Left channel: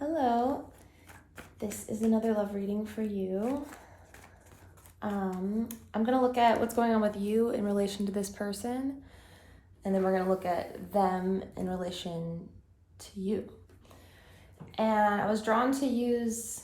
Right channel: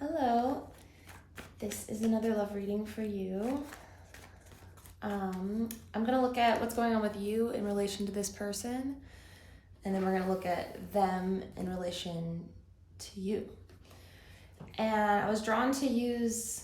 Hello, this is another love reading for you. I'm going to look at what's going on with you in relation to this person, and then we're going to look at them in relation to you. And I was drawn to use,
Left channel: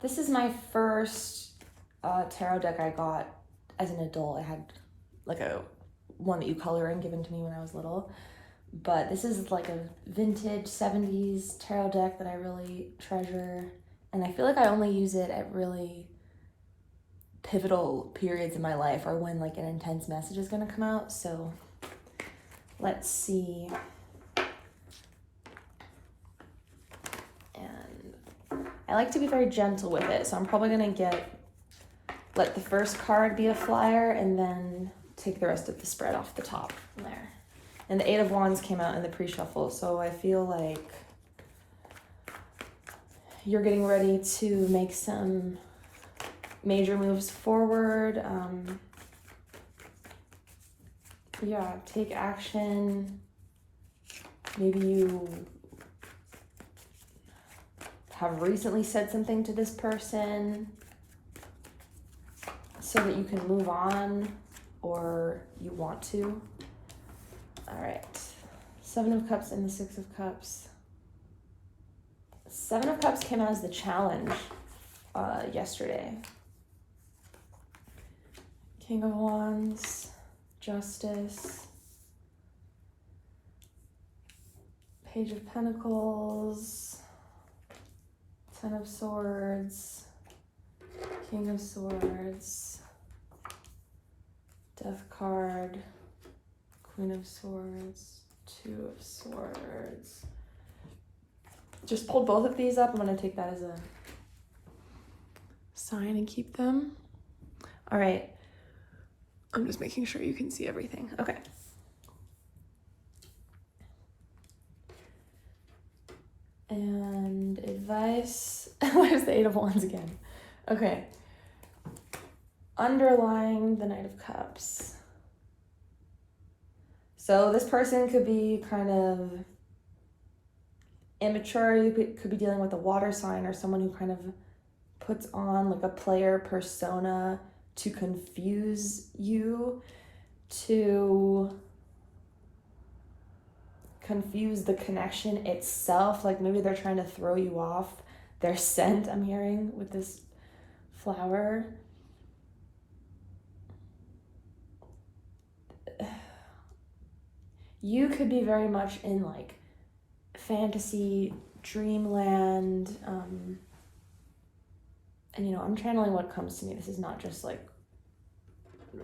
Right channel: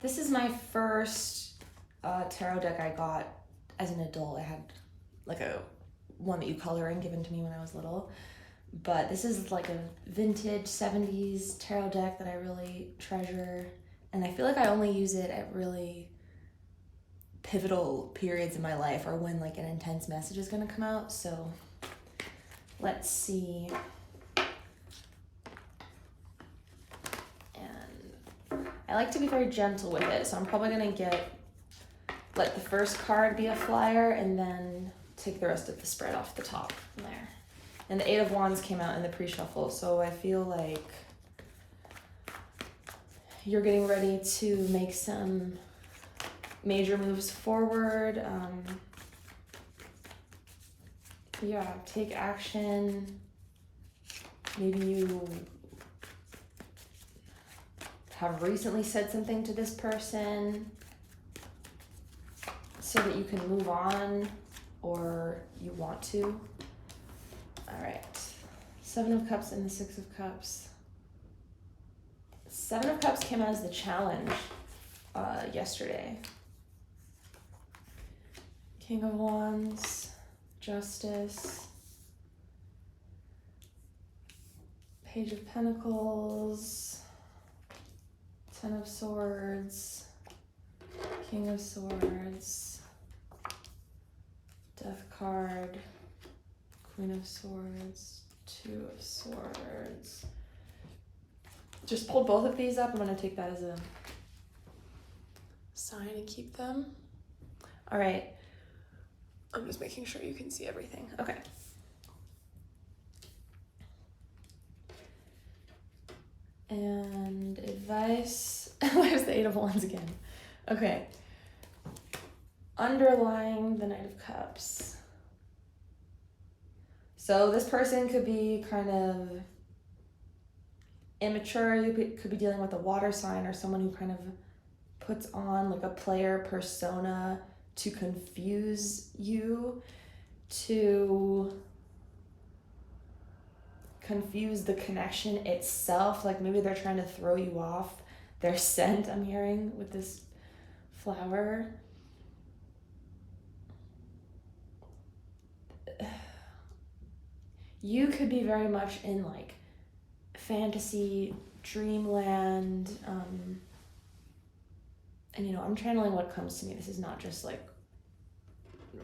this is my first tarot deck I got as an adult. I had like one that you color in given to me when I was little. But this is like a vintage 70s tarot deck that I really treasure. And I feel like I only use it at really pivotal periods in my life or when like an intense message is going to come out. So let's see. And I like to be very gentle with it. So I'm probably going to let the first card be a flyer and then take the rest of the spread off the top from there. And the Eight of Wands came out in the pre-shuffle, so I feel like you're getting ready to make some major moves forward. Take action. Maybe you have recently said something to this person so that you can move on, or you want to. All right, Seven of Cups and the Six of Cups. Seven of Cups came out as the challenge yesterday. King of Wands, Justice, Page of Pentacles, Ten of Swords, King of Swords, Death card, Queen of Swords, Two of Swords. Just pulled both of these up. I'm going to take that as a sign and keep them. All right. I'm just making sure you can see everything. Okay. And advice. Where's the Eight of Wands again? Okay. Underlying the Knight of Cups. So this person could be kind of immature. You could be dealing with a water sign or someone who kind of puts on like a player persona to confuse you, to confuse the connection itself. Like maybe they're trying to throw you off their scent, I'm hearing, with this flower. You could be very much in like fantasy, dreamland, and I'm channeling what comes to me. This is not just like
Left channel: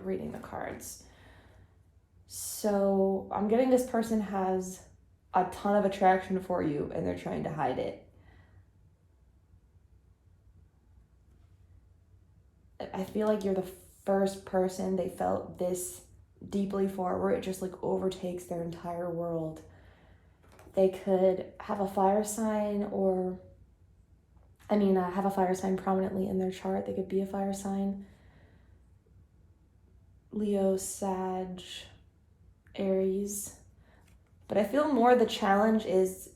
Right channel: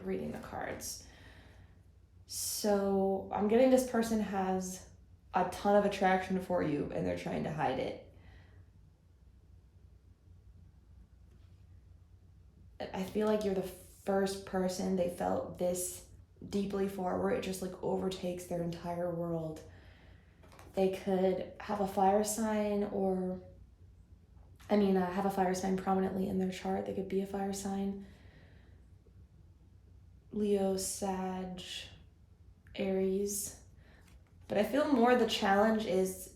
reading the cards. So I'm getting this person has a ton of attraction for you and they're trying to hide it. I feel like you're the first person they felt this deeply for, where it just like overtakes their entire world. They could have a fire sign have a fire sign prominently in their chart. They could be a fire sign. Leo, Sag, Aries. But I feel more the challenge is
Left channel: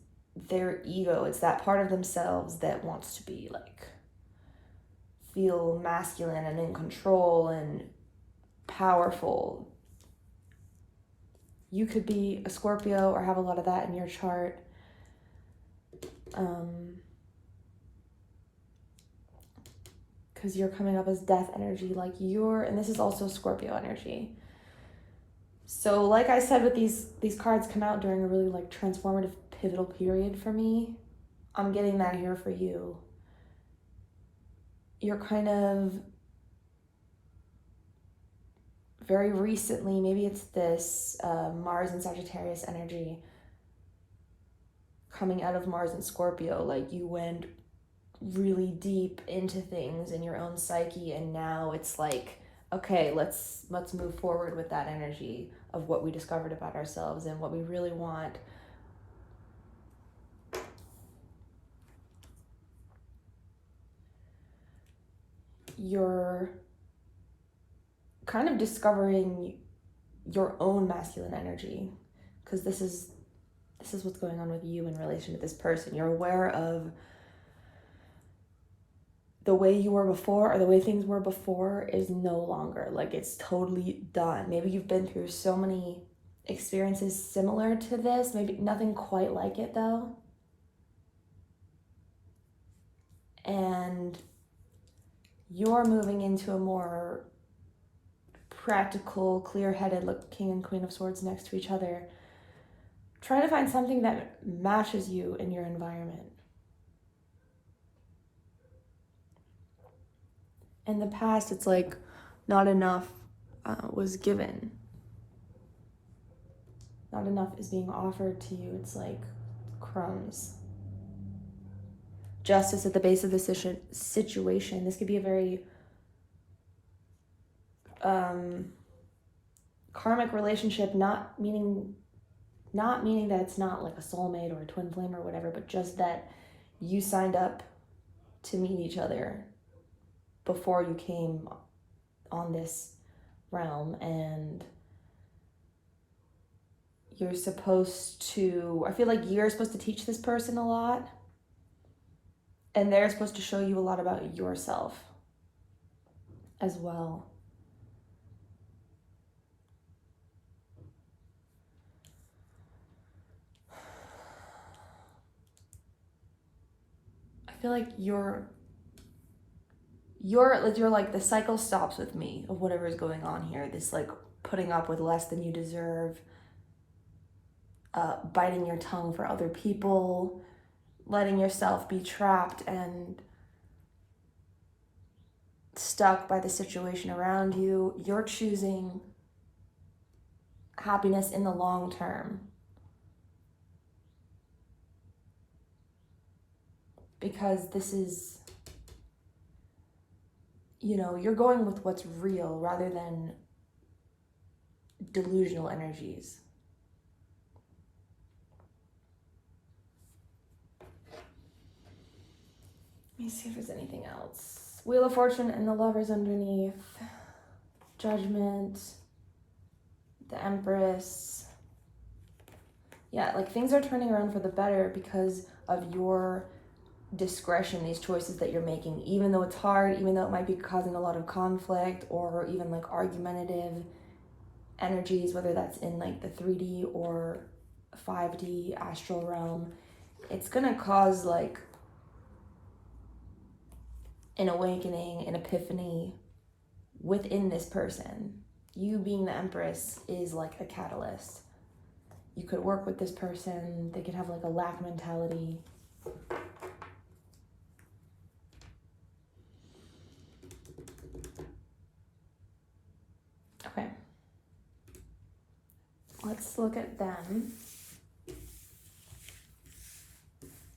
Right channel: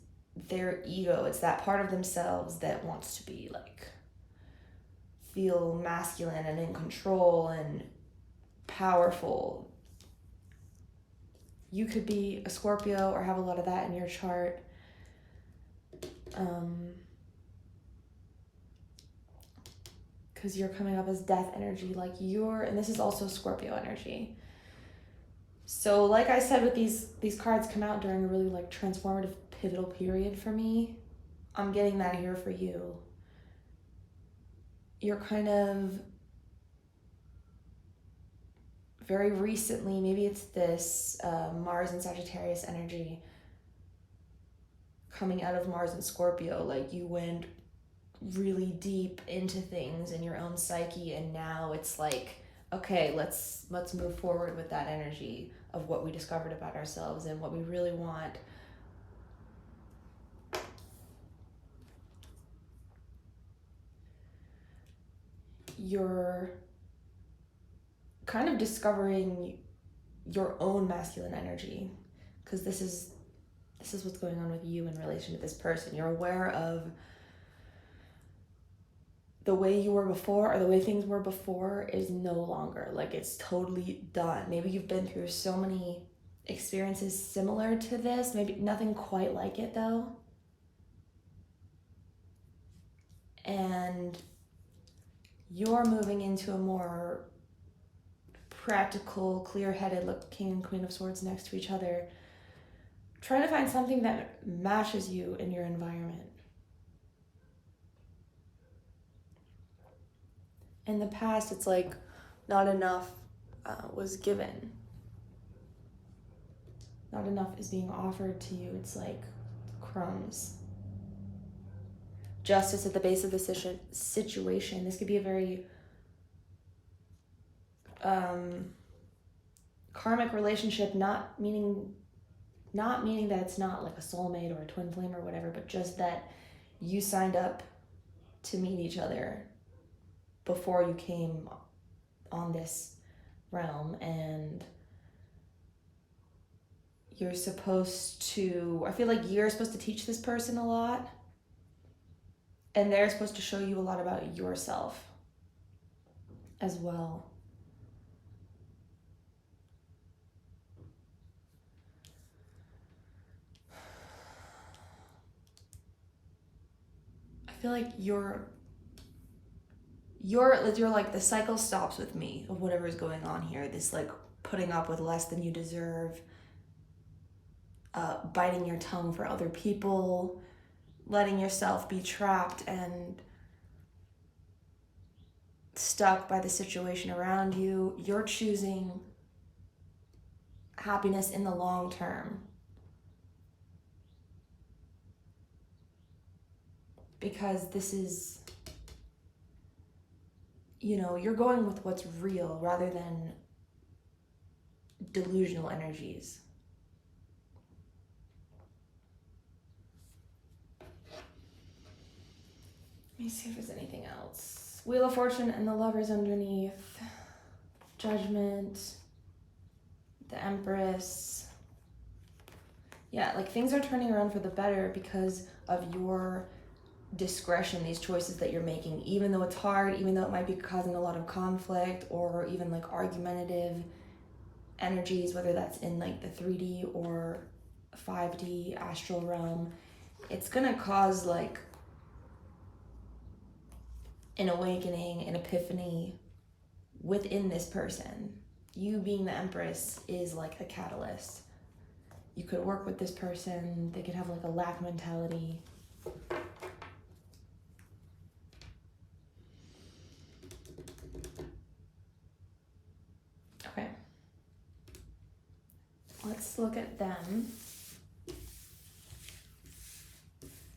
their ego. It's that part of themselves that wants to be like, feel masculine and in control and powerful. You could be a Scorpio or have a lot of that in your chart. Because you're coming up as death energy, and this is also Scorpio energy. So like I said, with these cards come out during a really like transformative, pivotal period for me. I'm getting that here for you. You're kind of very recently, maybe it's this Mars and Sagittarius energy coming out of Mars and Scorpio. Like you went really deep into things in your own psyche, and now it's like, okay, let's move forward with that energy of what we discovered about ourselves and what we really want. You're kind of discovering your own masculine energy, because this is this is what's going on with you in relation to this person. You're aware of the way you were before, or the way things were before is no longer. Like, it's totally done. Maybe you've been through so many experiences similar to this, maybe nothing quite like it though. And you're moving into a more practical, clear-headed, look, King and Queen of Swords next to each other, trying to find something that matches you in your environment. In the past, it's like not enough was given. Not enough is being offered to you. It's like crumbs. Justice at the base of the situation. This could be a very karmic relationship, not meaning that it's not like a soulmate or a twin flame or whatever, but just that you signed up to meet each other before you came on this realm, and you're supposed to, I feel like you're supposed to teach this person a lot, and they're supposed to show you a lot about yourself as well. I feel like you're like, the cycle stops with me of whatever is going on here. This like putting up with less than you deserve, biting your tongue for other people, letting yourself be trapped and stuck by the situation around you. You're choosing happiness in the long term. Because this is, you're going with what's real rather than delusional energies. Let me see if there's anything else. Wheel of Fortune and the Lovers underneath. Judgment. The Empress. Yeah, like things are turning around for the better because of your discretion, these choices that you're making, even though it's hard, even though it might be causing a lot of conflict or even like argumentative energies, whether that's in like the 3D or 5D astral realm. It's gonna cause like an awakening, an epiphany within this person. You being the Empress is like a catalyst. You could work with this person, they could have like a lack mentality. Okay. Let's look at them.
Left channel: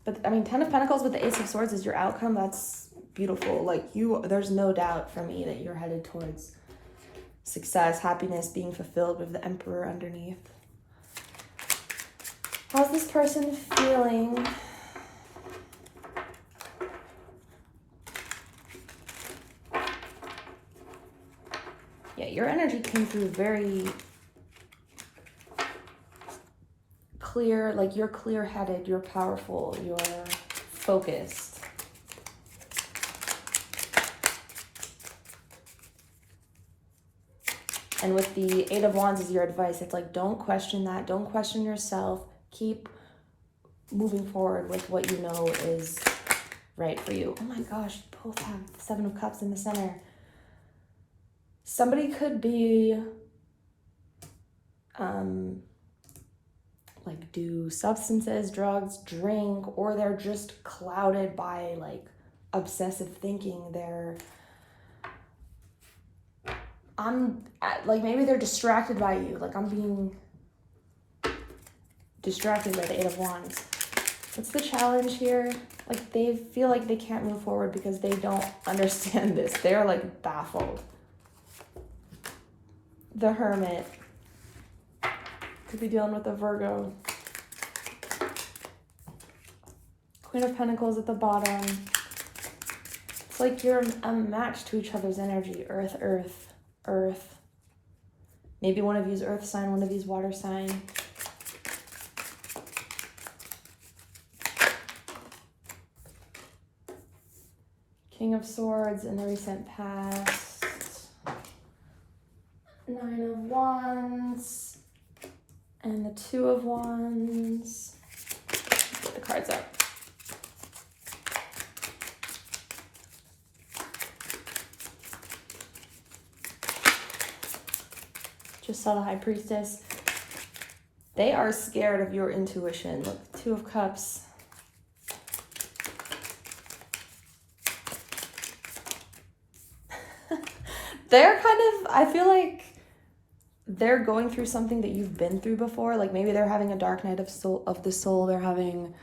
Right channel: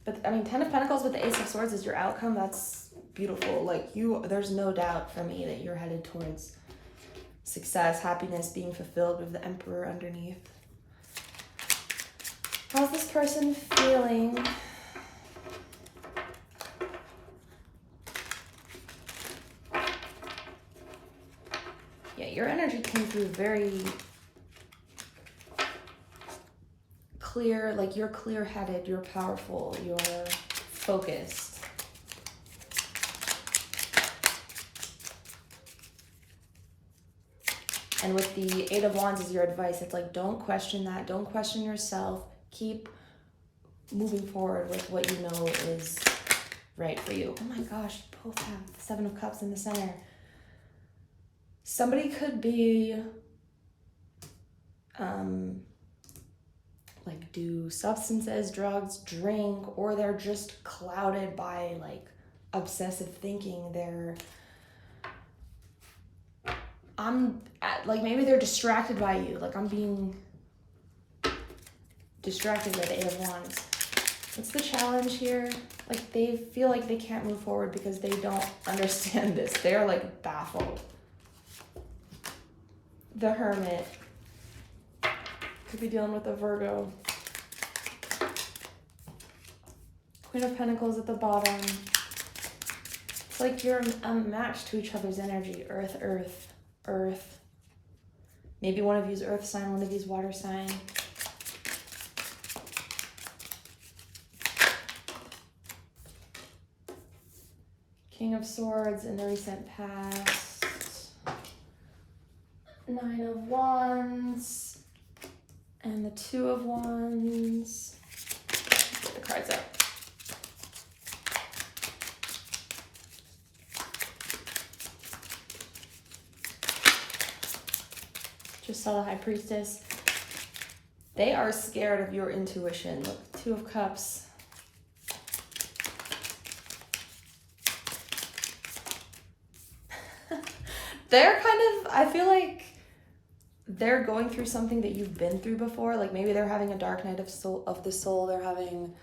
But I mean, Ten of Pentacles with the Ace of Swords is your outcome. That's beautiful. Like there's no doubt for me that you're headed towards success, happiness, being fulfilled with the Emperor underneath. How's this person feeling? Yeah, your energy came through very clear, like you're clear-headed, you're powerful, you're focused. And with the Eight of Wands is your advice. It's like, don't question that. Don't question yourself. Keep moving forward with what you know is right for you. Oh my gosh, both have the Seven of Cups in the center. Somebody could be, like do substances, drugs, drink, or they're just clouded by like obsessive thinking. Like maybe they're distracted by you. Like I'm being distracted by the Eight of Wands. What's the challenge here? Like they feel like they can't move forward because they don't understand this. They're like baffled. The Hermit. Could be dealing with a Virgo. Queen of Pentacles at the bottom. It's like you're unmatched to each other's energy. Earth, earth, earth. Maybe one of you's earth sign, one of you's water sign. King of Swords in the recent past. 9 of Wands. And the 2 of Wands. Get the cards up. Just saw the High Priestess. They are scared of your intuition. The 2 of Cups. They're kind of, I feel like they're going through something that you've been through before. Like maybe they're having a dark night of the soul. They're having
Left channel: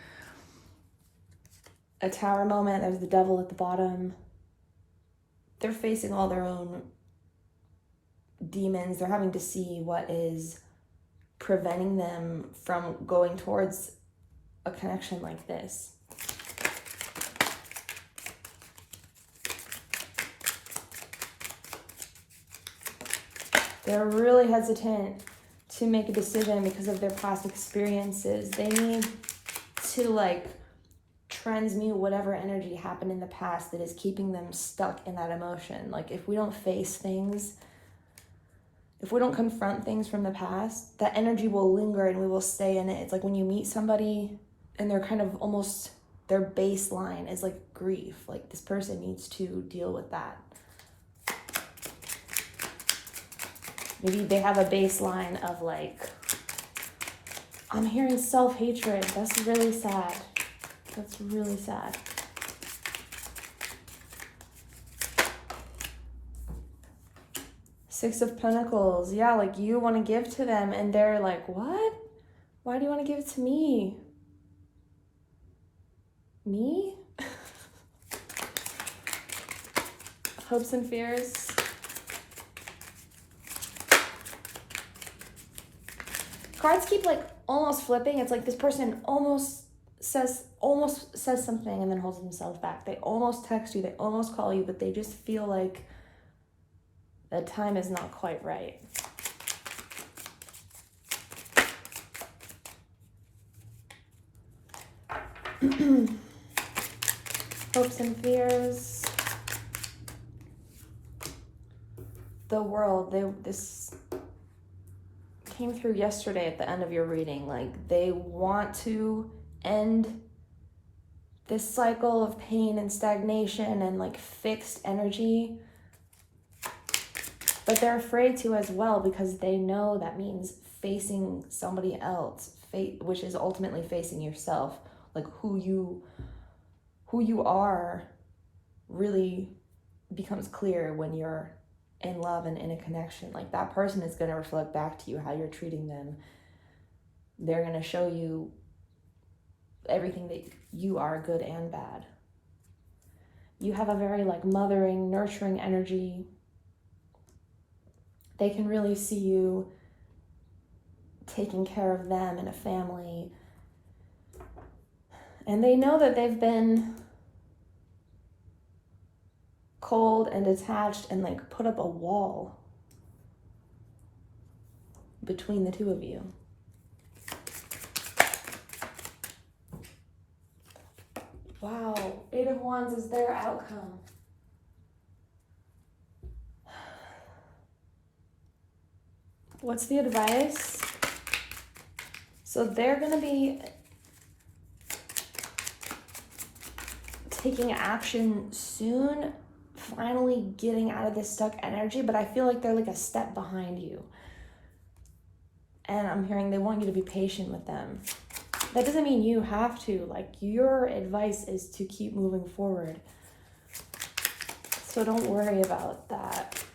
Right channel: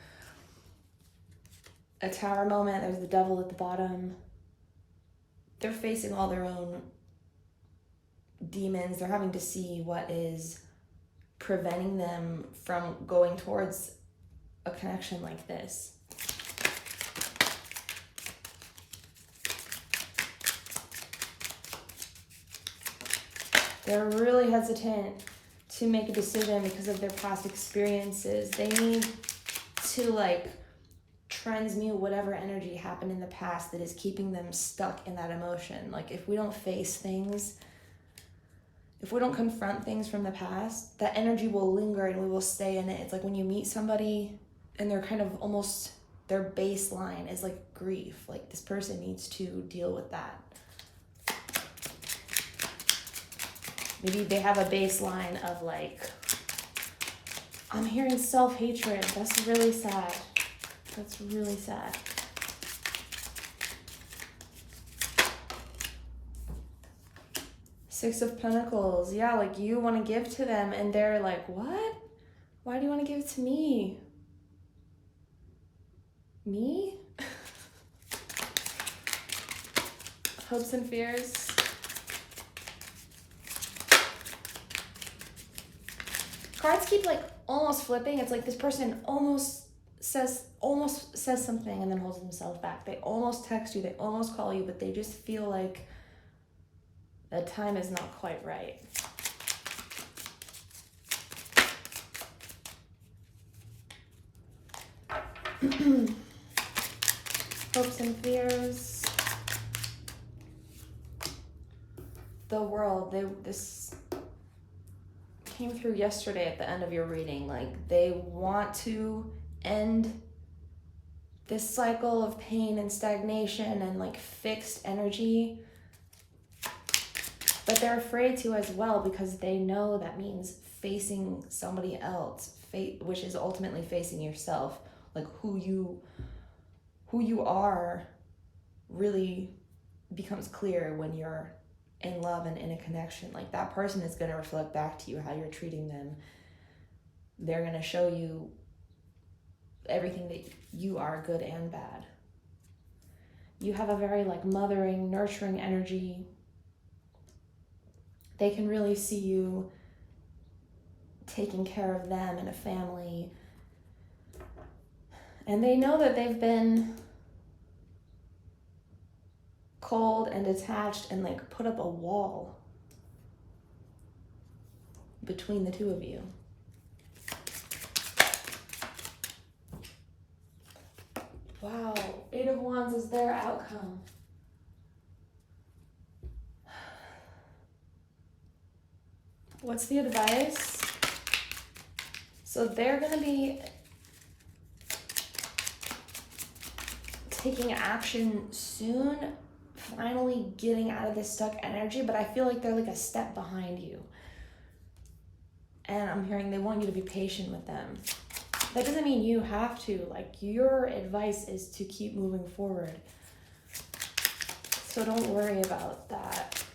a tower moment. There's the devil at the bottom. They're facing all their own demons. They're having to see what is preventing them from going towards a connection like this. They're really hesitant to make a decision because of their past experiences. They need to like transmute whatever energy happened in the past that is keeping them stuck in that emotion. Like if we don't face things, if we don't confront things from the past, that energy will linger and we will stay in it. It's like when you meet somebody and they're kind of almost, their baseline is like grief. Like this person needs to deal with that. Maybe they have a baseline of like, I'm hearing self-hatred. That's really sad. That's really sad. Six of Pentacles. Yeah, like you want to give to them and they're like, what? Why do you want to give it to me? Me? Hopes and fears. Cards keep like almost flipping. It's like this person almost says something and then holds themselves back. They almost text you, they almost call you, but they just feel like the time is not quite right. Hopes and fears. The World. This came through yesterday at the end of your reading. Like they want to end this cycle of pain and stagnation and like fixed energy, but they're afraid to as well because they know that means facing somebody else, which is ultimately facing yourself. Like who you are really becomes clear when you're in love and in a connection. Like that person is going to reflect back to you how you're treating them. They're going to show you everything that you are, good and bad. You have a very like mothering, nurturing energy. They can really see you taking care of them and a family. And they know that they've been cold and detached and like put up a wall between the two of you. Wow, 8 of Wands is their outcome. What's the advice? So they're going to be taking action soon, finally getting out of this stuck energy, but I feel like they're like a step behind you. And I'm hearing they want you to be patient with them. That doesn't mean you have to. Like, your advice is to keep moving forward. So don't worry about that.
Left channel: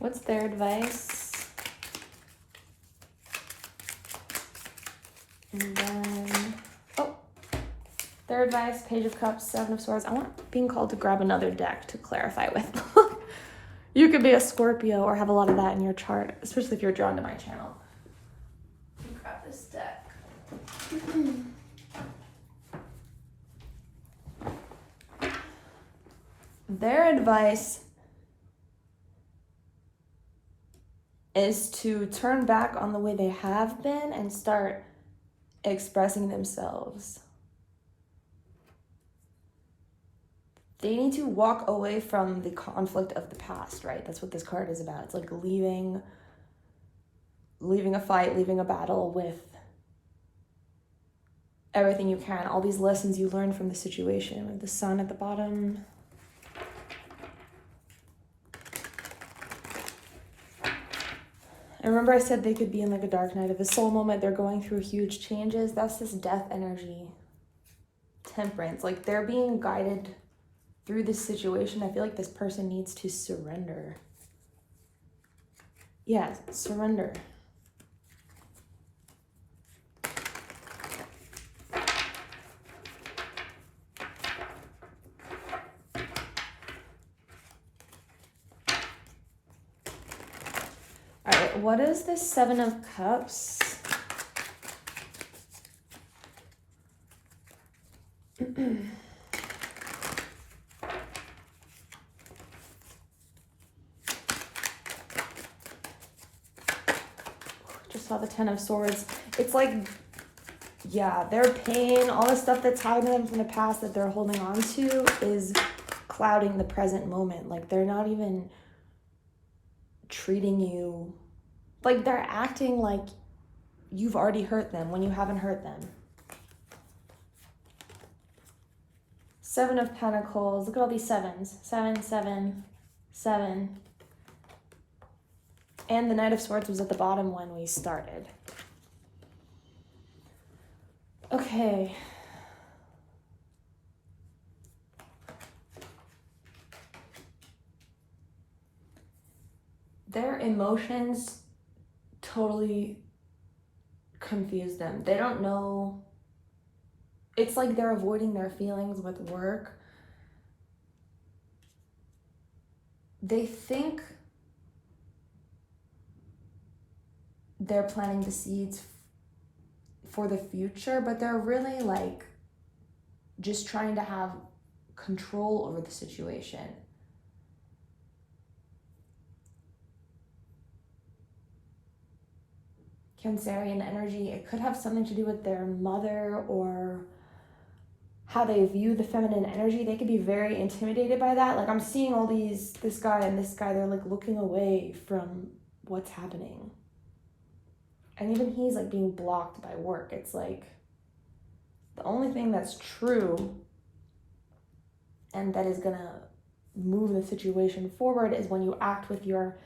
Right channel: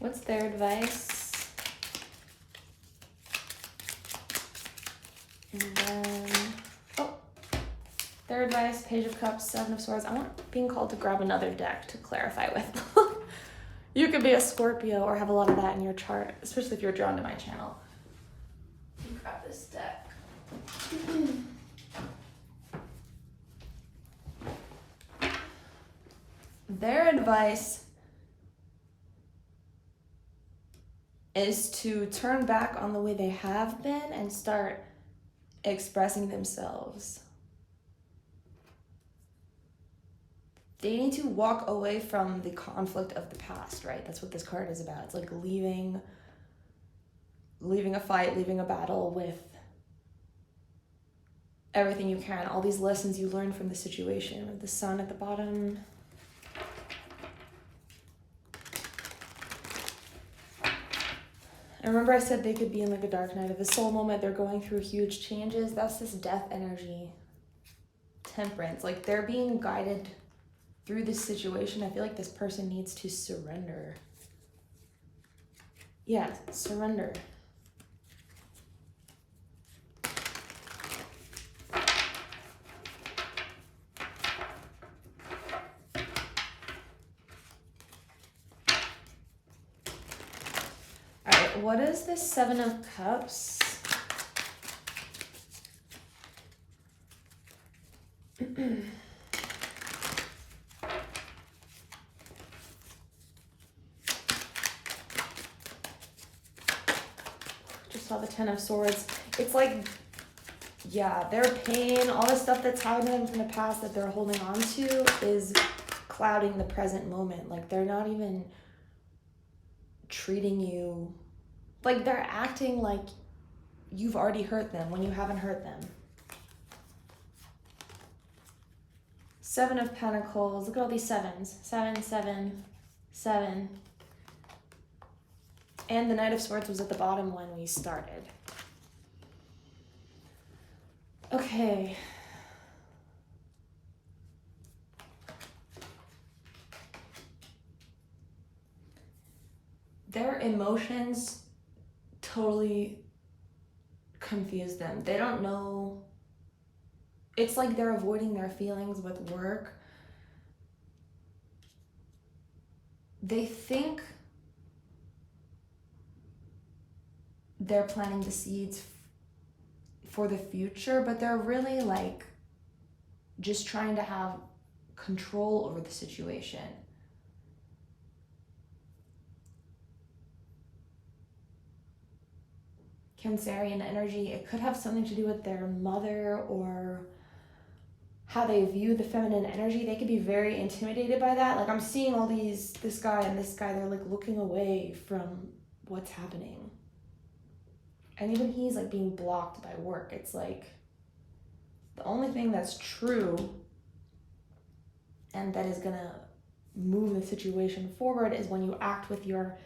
What's their advice? And then, their advice, Page of Cups, 7 of Swords. I'm not being called to grab another deck to clarify with. You could be a Scorpio or have a lot of that in your chart, especially if you're drawn to my channel. Let me grab this deck. Their advice is to turn back on the way they have been and start expressing themselves. They need to walk away from the conflict of the past, right? That's what this card is about. It's like leaving a fight, leaving a battle with everything you can, all these lessons you learned from the situation. With the sun at the bottom. And remember I said they could be in like a dark night of the soul moment. They're going through huge changes. That's this death energy. Temperance. Like they're being guided through this situation. I feel like this person needs to surrender. Yeah, surrender. What is the Seven of Cups? Just saw the Ten of Swords. It's like, yeah, their pain, all the stuff that's happened to them from the past that they're holding on to is clouding the present moment. Like they're not even treating you, like they're acting like you've already hurt them when you haven't hurt them. Seven of Pentacles. Look at all these sevens. 7, 7, 7. And the Knight of Swords was at the bottom when we started. Okay. Their emotions totally confuse them. They don't know. It's like they're avoiding their feelings with work. They think they're planting the seeds for the future, but they're really like just trying to have control over the situation. Cancerian energy, it could have something to do with their mother or how they view the feminine energy. They could be very intimidated by that. Like I'm seeing all these, this guy and this guy, they're like looking away from what's happening. And even he's like being blocked by work. It's like the only thing that's true and that is gonna move the situation forward is when you act with your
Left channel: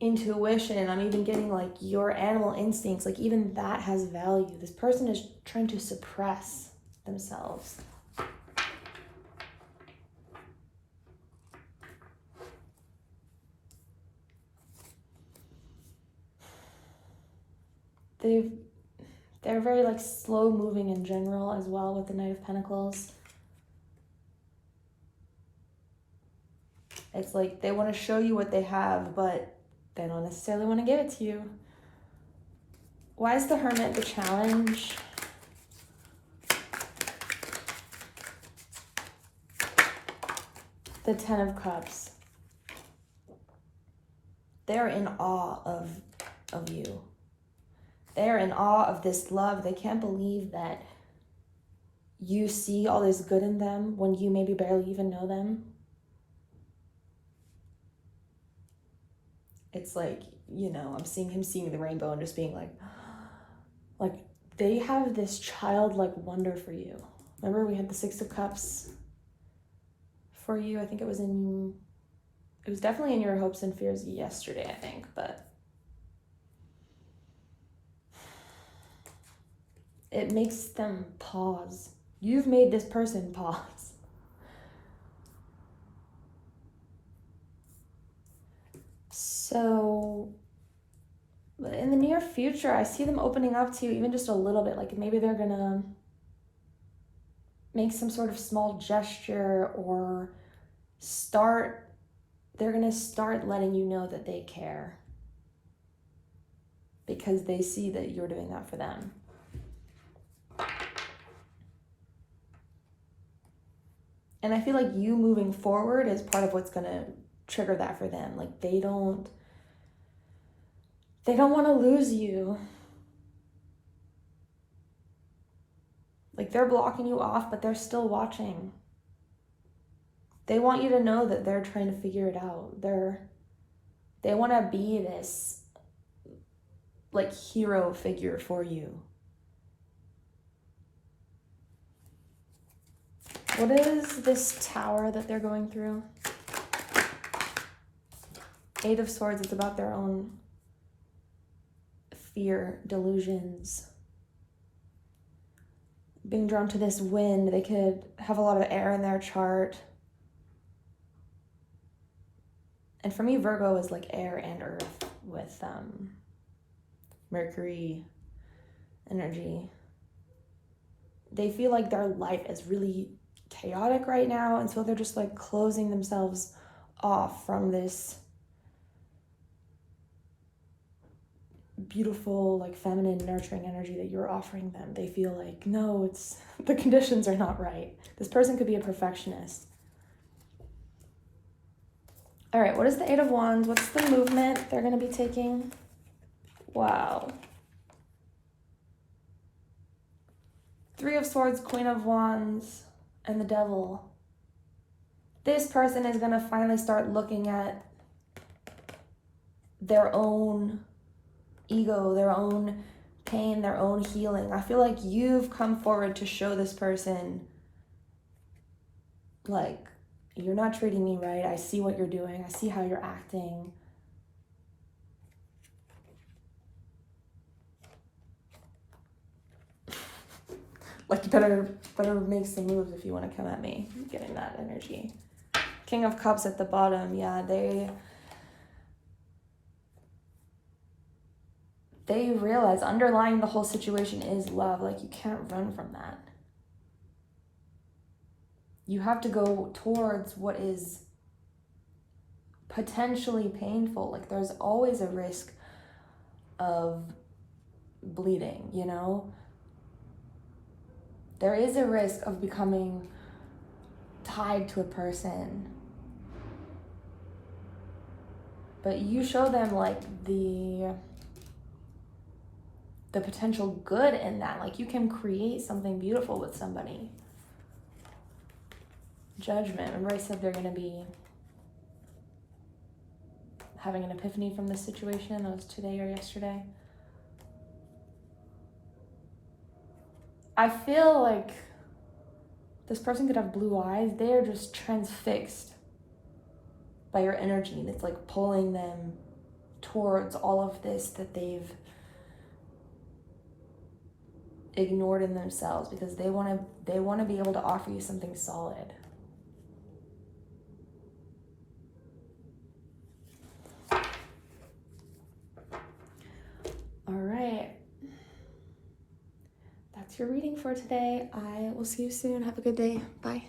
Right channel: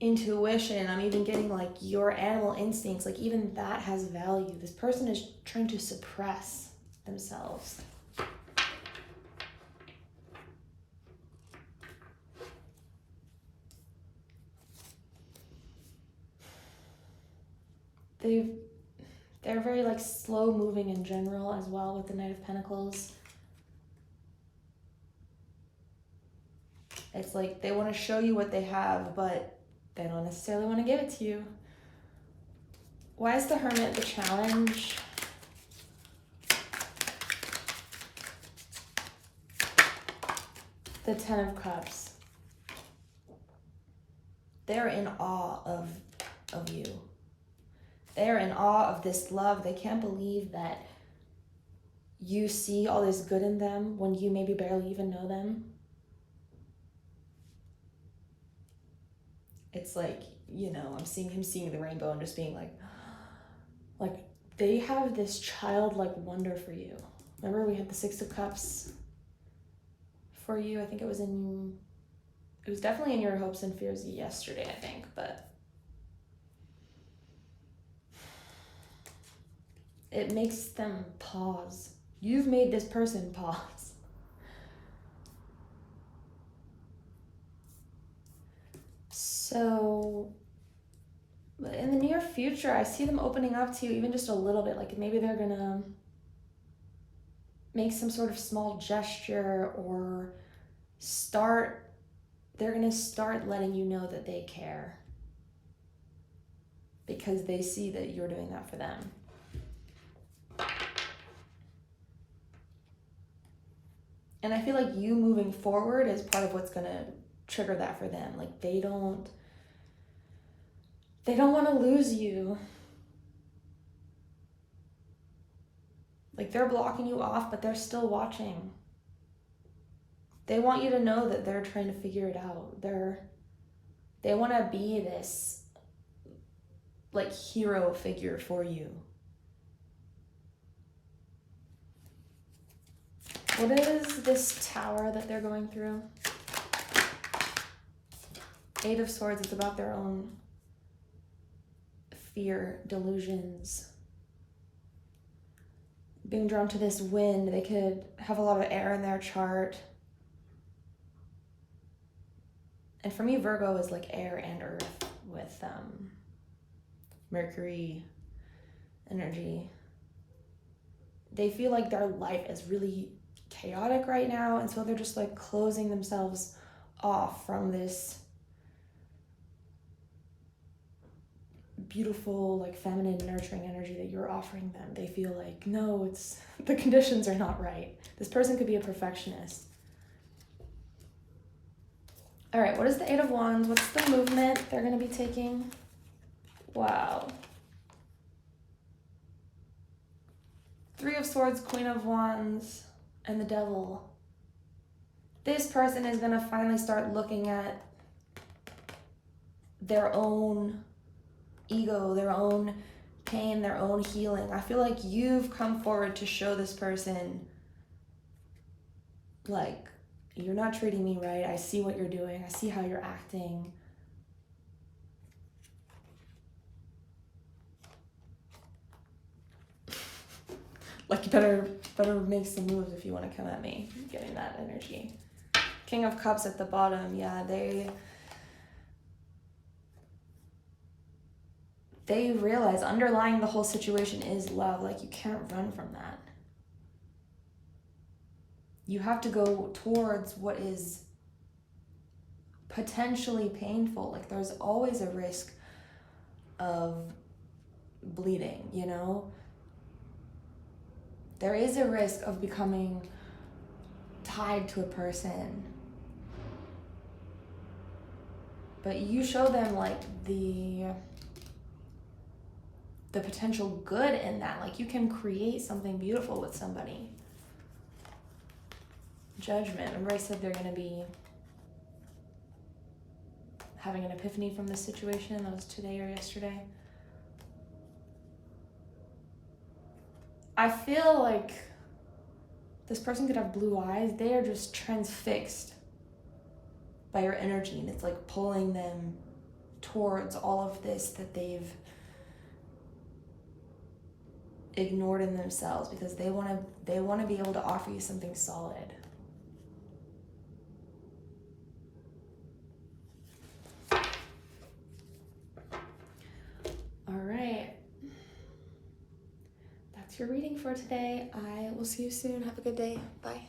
intuition. I'm even getting like your animal instincts, like even that has value. This person is trying to suppress themselves. They're very like slow moving in general as well with the Knight of Pentacles. It's like they want to show you what they have, but they don't necessarily want to give it to you. Why is the Hermit the challenge? The Ten of Cups. They're in awe of you. They're in awe of this love. They can't believe that you see all this good in them when you maybe barely even know them. It's like, you know, I'm seeing him seeing the rainbow and just being like they have this childlike wonder for you. Remember we had the Six of Cups for you? I think it was definitely in your hopes and fears yesterday, I think, but it makes them pause. You've made this person pause. So in the near future, I see them opening up to you even just a little bit. Like maybe they're gonna make some sort of small gesture or they're gonna start letting you know that they care because they see that you're doing that for them. And I feel like you moving forward is part of what's gonna trigger that for them. Like they don't want to lose you. they're blocking you off, but they're still watching. They want you to know that they're trying to figure it out. They want to be this like hero figure for you. What is this tower that they're going through? Eight of Swords is about their own fear, delusions. Being drawn to this wind, they could have a lot of air in their chart. And for me, Virgo is like air and earth with Mercury energy. They feel like their life is really chaotic right now, and so they're just like closing themselves off from this beautiful, like feminine, nurturing energy that you're offering them. They feel like, no, the conditions are not right. This person could be a perfectionist. All right, what is the Eight of Wands? What's the movement they're going to be taking? Wow. Three of Swords, Queen of Wands, and the Devil. This person is going to finally start looking at their own ego, their own pain, their own healing. I feel like you've come forward to show this person, like, you're not treating me right. I see what you're doing. I see how you're acting. Like, you better make some moves if you want to come at me. I'm getting that energy. King of Cups at the bottom. Yeah, they realize underlying the whole situation is love. Like, you can't run from that. You have to go towards what is potentially painful. Like, there's always a risk of bleeding, you know? There is a risk of becoming tied to a person. But you show them, like, the potential good in that. Like, you can create something beautiful with somebody. Judgment. Remember I said they're going to be having an epiphany from this situation? That was today or yesterday. I feel like this person could have blue eyes. They are just transfixed by your energy, and it's like pulling them towards all of this that they've ignored in themselves, because they want to be able to offer you something solid. All right. That's your reading for today. I will see you soon. Have a good day. Bye.